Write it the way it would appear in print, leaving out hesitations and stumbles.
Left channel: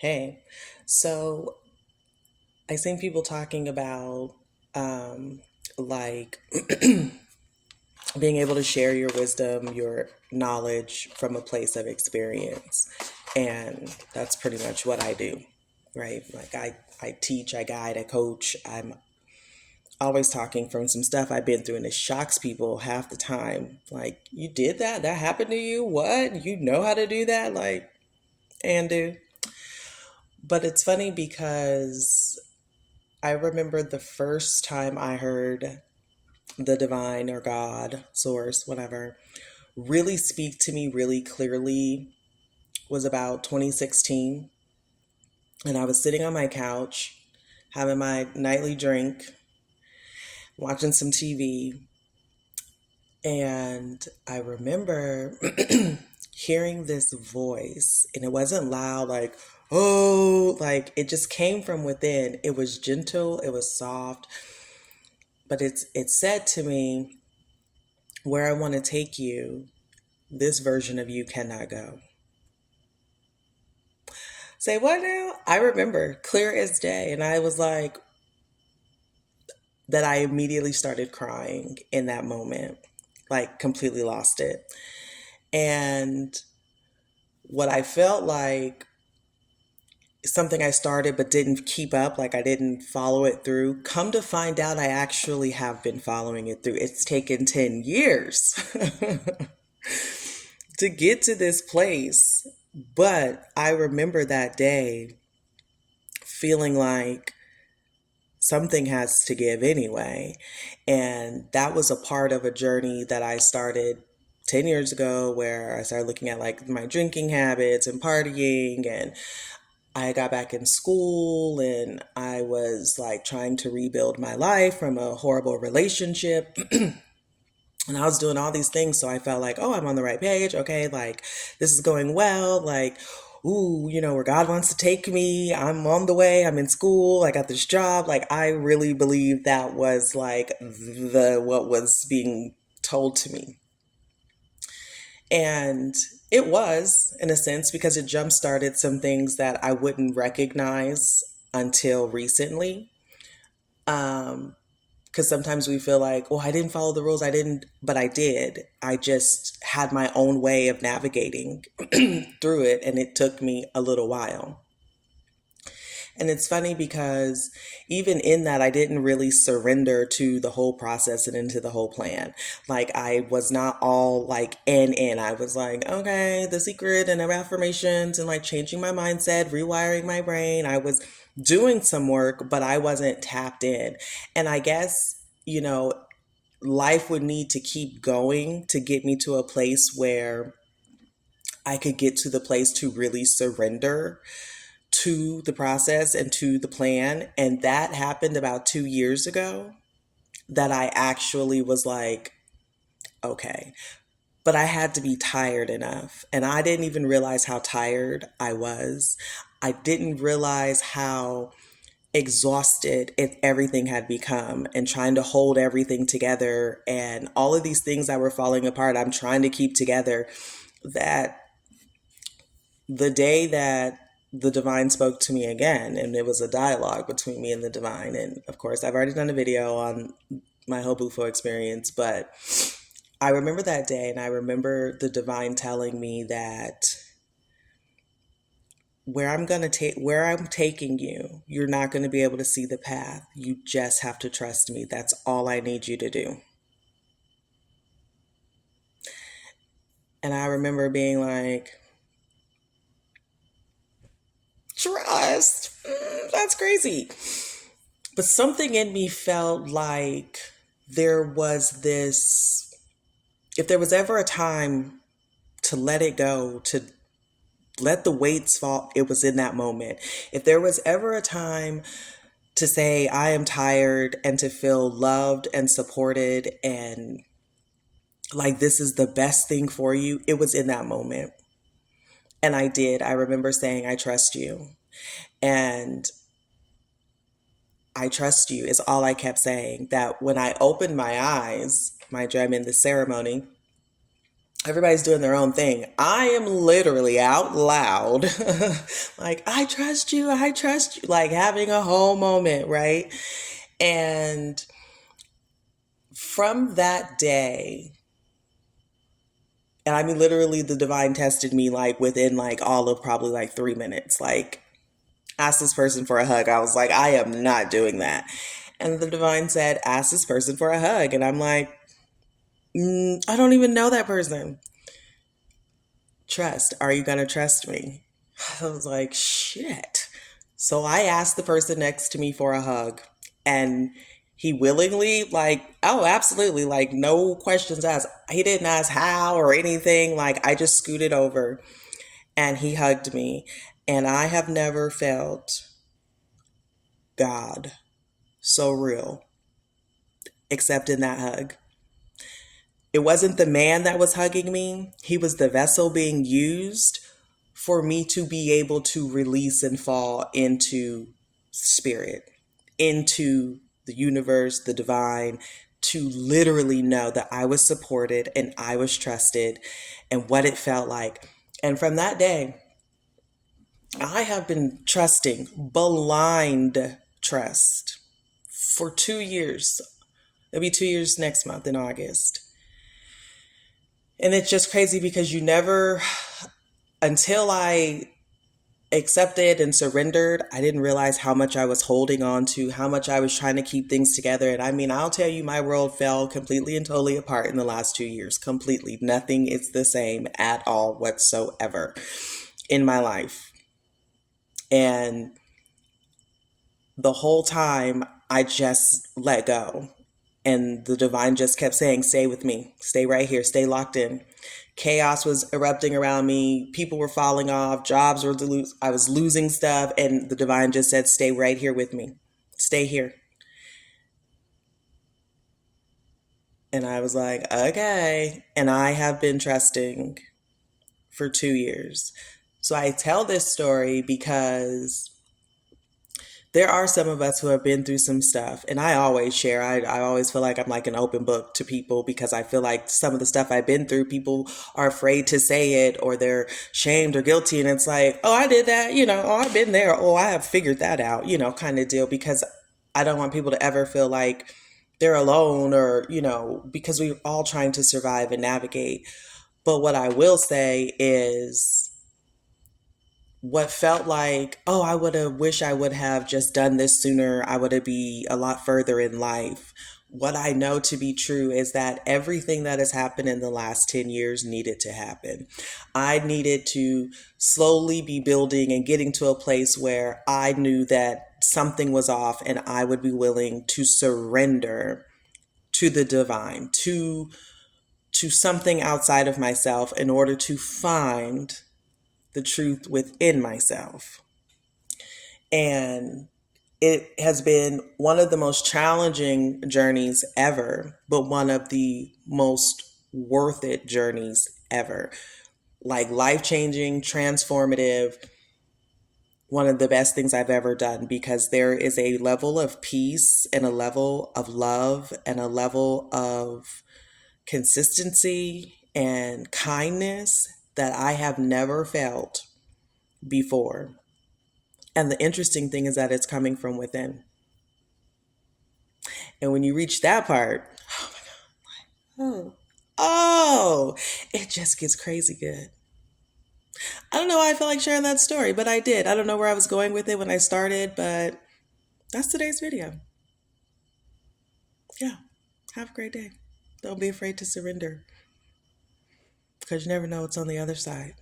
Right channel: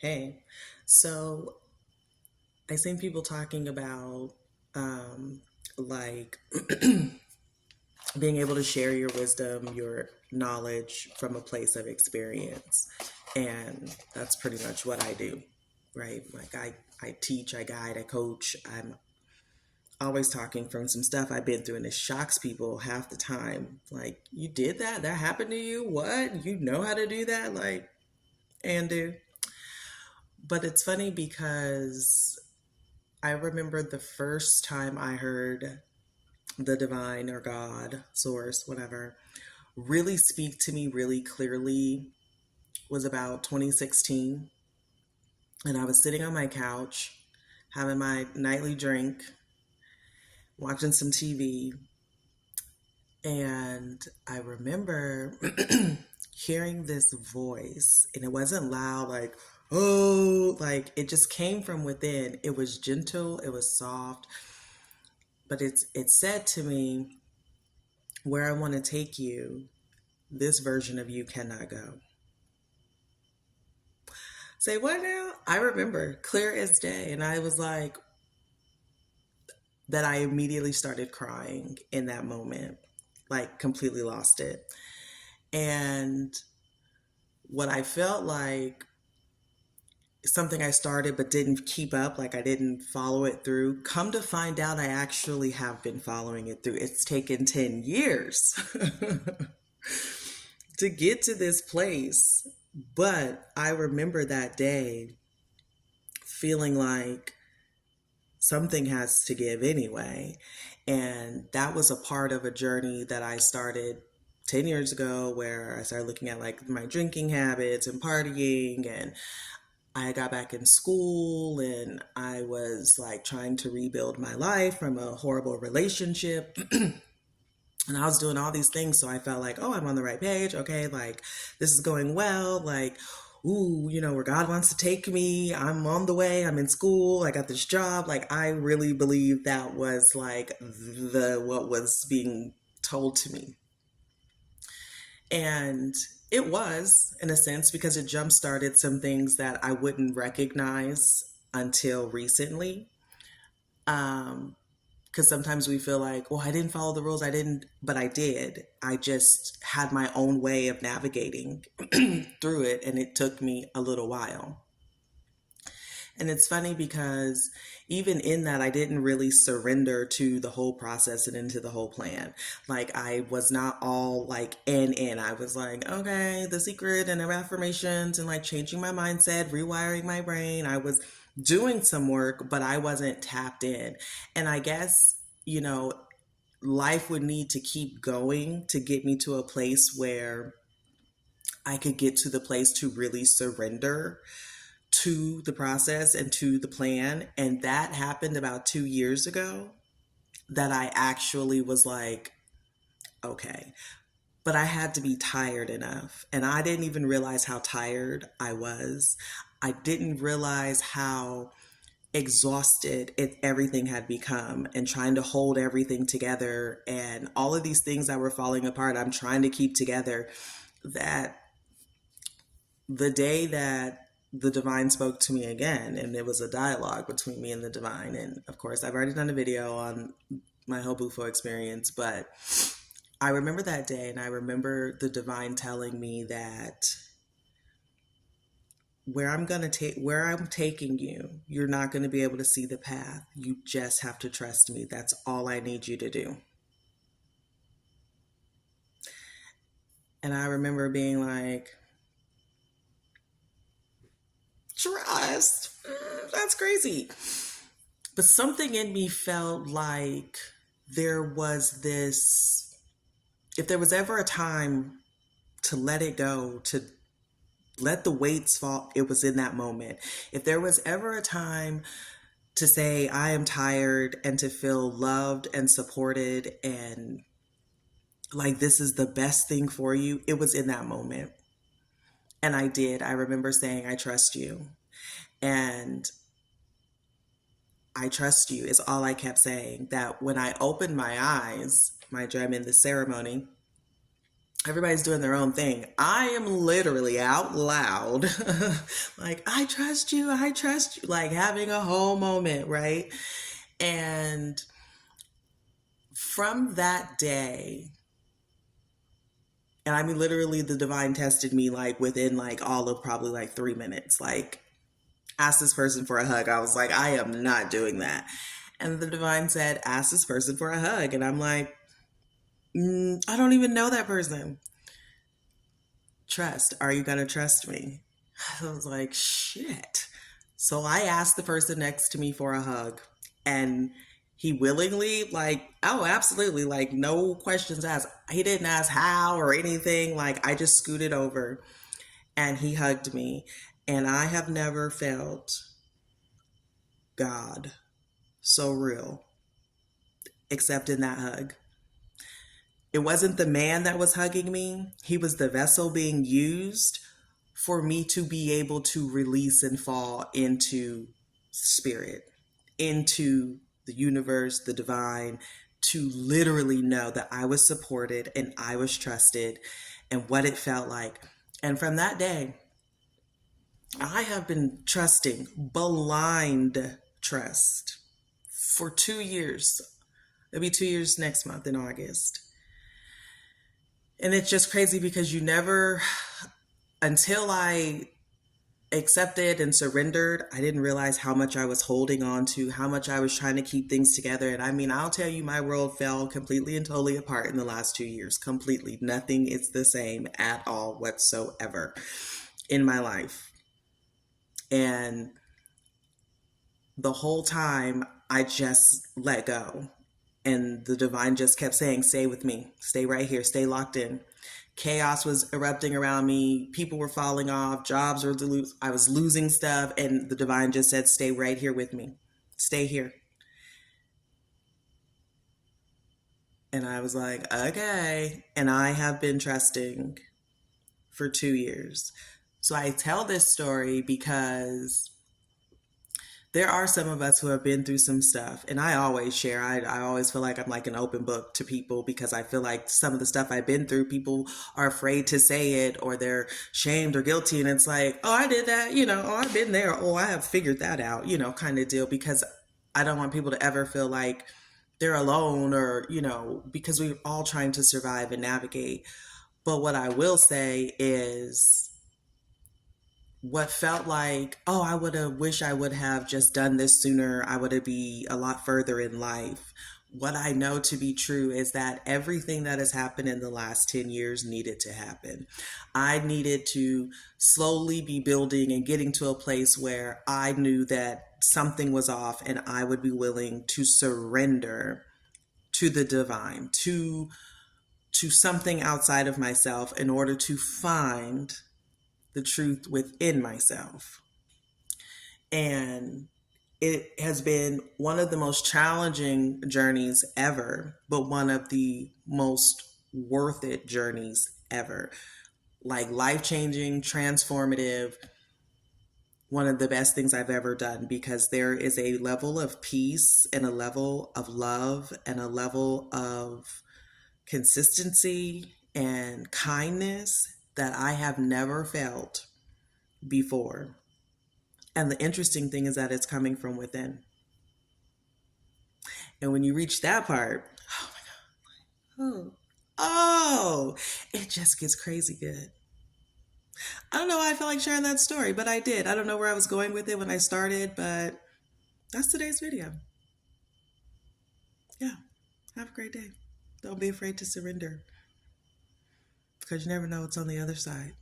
Hey, so I seen people talking about um, like being able to share your wisdom, your knowledge from a place of experience. And that's pretty much what I do, right? I teach, I guide, I coach. I'm always talking from some stuff I've been through, and it shocks people half the time. Like, you did that? That happened to you? What? You know how to do that? Like, and do. But it's funny because I remember the first time I heard the divine or God, source, whatever, really speak to me really clearly was about 2016. And I was sitting on my couch, having my nightly drink, watching some TV. And I remember hearing this voice, and it wasn't loud, like, oh, like it just came from within. It was gentle, it was soft, but it said to me, where I want to take you, this version of you cannot go. Say what now? I remember clear as day. And I was like, that I immediately started crying in that moment, like completely lost it. And what I felt like something I started but didn't keep up, like I didn't follow it through. Come to find out, I actually have been following it through. It's taken 10 years to get to this place. But I remember that day feeling like something has to give anyway. And that was a part of a journey that I started 10 years ago where I started looking at like my drinking habits and partying, and I got back in school and I was like trying to rebuild my life from a horrible relationship. And I was doing all these things. So I felt like, oh, I'm on the right page. Okay. Like this is going well. Like, ooh, where God wants to take me. I'm on the way. I'm in school. I got this job. Like, I really believe that was like what was being told to me. And it was, in a sense, because it jump started some things that I wouldn't recognize until recently. Um, because sometimes we feel like, well, I didn't follow the rules. I didn't, but I did. I just had my own way of navigating through it, and it took me a little while. And it's funny because even in that, I didn't really surrender to the whole process and into the whole plan. Like, I was not all like in. I was like, okay, the secret and affirmations and like changing my mindset, rewiring my brain. I was doing some work, but I wasn't tapped in. And I guess, you know, life would need to keep going to get me to a place where I could get to the place to really surrender to the process and to the plan. And that happened about 2 years ago, that I actually was like, okay. But I had to be tired enough. And I didn't even realize how tired I was. I didn't realize how exhausted everything had become, and trying to hold everything together and all of these things that were falling apart, I'm trying to keep together. That the day that the divine spoke to me again, and it was a dialogue between me and the divine, and of course I've already done a video on my whole bufo experience, but I remember that day, and I remember the divine telling me that where I'm taking you, you're not going to be able to see the path. You just have to trust me. That's all I need you to do. And I remember being like, trust? That's crazy. But something in me felt like there was this, if there was ever a time to let it go, to let the weights fall, it was in that moment. If there was ever a time to say, I am tired, and to feel loved and supported and like this is the best thing for you, it was in that moment. And I did. I remember saying, I trust you. And I trust you is all I kept saying. That when I opened my eyes, mind you, I'm in the ceremony, Everybody's doing their own thing. I am literally out loud, like, I trust you, like having a whole moment, right? And from that day, and I mean, literally, the divine tested me like within like all of probably like 3 minutes. Like, ask this person for a hug. I was like, I am not doing that. And the divine said, ask this person for a hug. And I'm like, I don't even know that person. Trust. Are you going to trust me? I was like, shit. So I asked the person next to me for a hug, and he willingly, like, oh, absolutely, like, no questions asked. He didn't ask how or anything. Like, I just scooted over and he hugged me. And I have never felt God so real except in that hug. It wasn't the man that was hugging me, he was the vessel being used for me to be able to release and fall into spirit, into the universe, the divine, to literally know that I was supported and I was trusted and what it felt like. And from that day, I have been trusting blind trust for 2 years. It'll be 2 years next month in August. And it's just crazy because you never, until I accepted and surrendered, I didn't realize how much I was holding on to, how much I was trying to keep things together. And I mean, I'll tell you, my world fell completely and totally apart in the last 2 years. Completely. Nothing is the same at all whatsoever in my life. And the whole time, I just let go. And the divine just kept saying, stay with me, stay right here, stay locked in. Chaos was erupting around me. People were falling off. Jobs were I was losing stuff. And the divine just said, stay right here with me. Stay here. And I was like, okay. And I have been trusting for 2 years. So I tell this story because there are some of us who have been through some stuff, and I always share. I always feel like I'm like an open book to people because I feel like some of the stuff I've been through, people are afraid to say it or they're shamed or guilty. And it's like, oh, I did that, oh, I've been there. Oh, I have figured that out, kind of deal, because I don't want people to ever feel like they're alone or, because we're all trying to survive and navigate. But what I will say is, what felt like, oh, I would have wish I would have just done this sooner, I would have be a lot further in life. What I know to be true is that everything that has happened in the last 10 years needed to happen. I needed to slowly be building and getting to a place where I knew that something was off and I would be willing to surrender to the divine, to something outside of myself in order to find the truth within myself. And it has been one of the most challenging journeys ever, but one of the most worth it journeys ever. Like, life changing, transformative, one of the best things I've ever done, because there is a level of peace and a level of love and a level of consistency and kindness that I have never felt before. And the interesting thing is that it's coming from within. And when you reach that part, oh, oh, it just gets crazy good. I don't know why I felt like sharing that story, but I did. I don't know where I was going with it when I started, but that's today's video. Yeah. Have a great day. Don't be afraid to surrender, because you never know what's on the other side.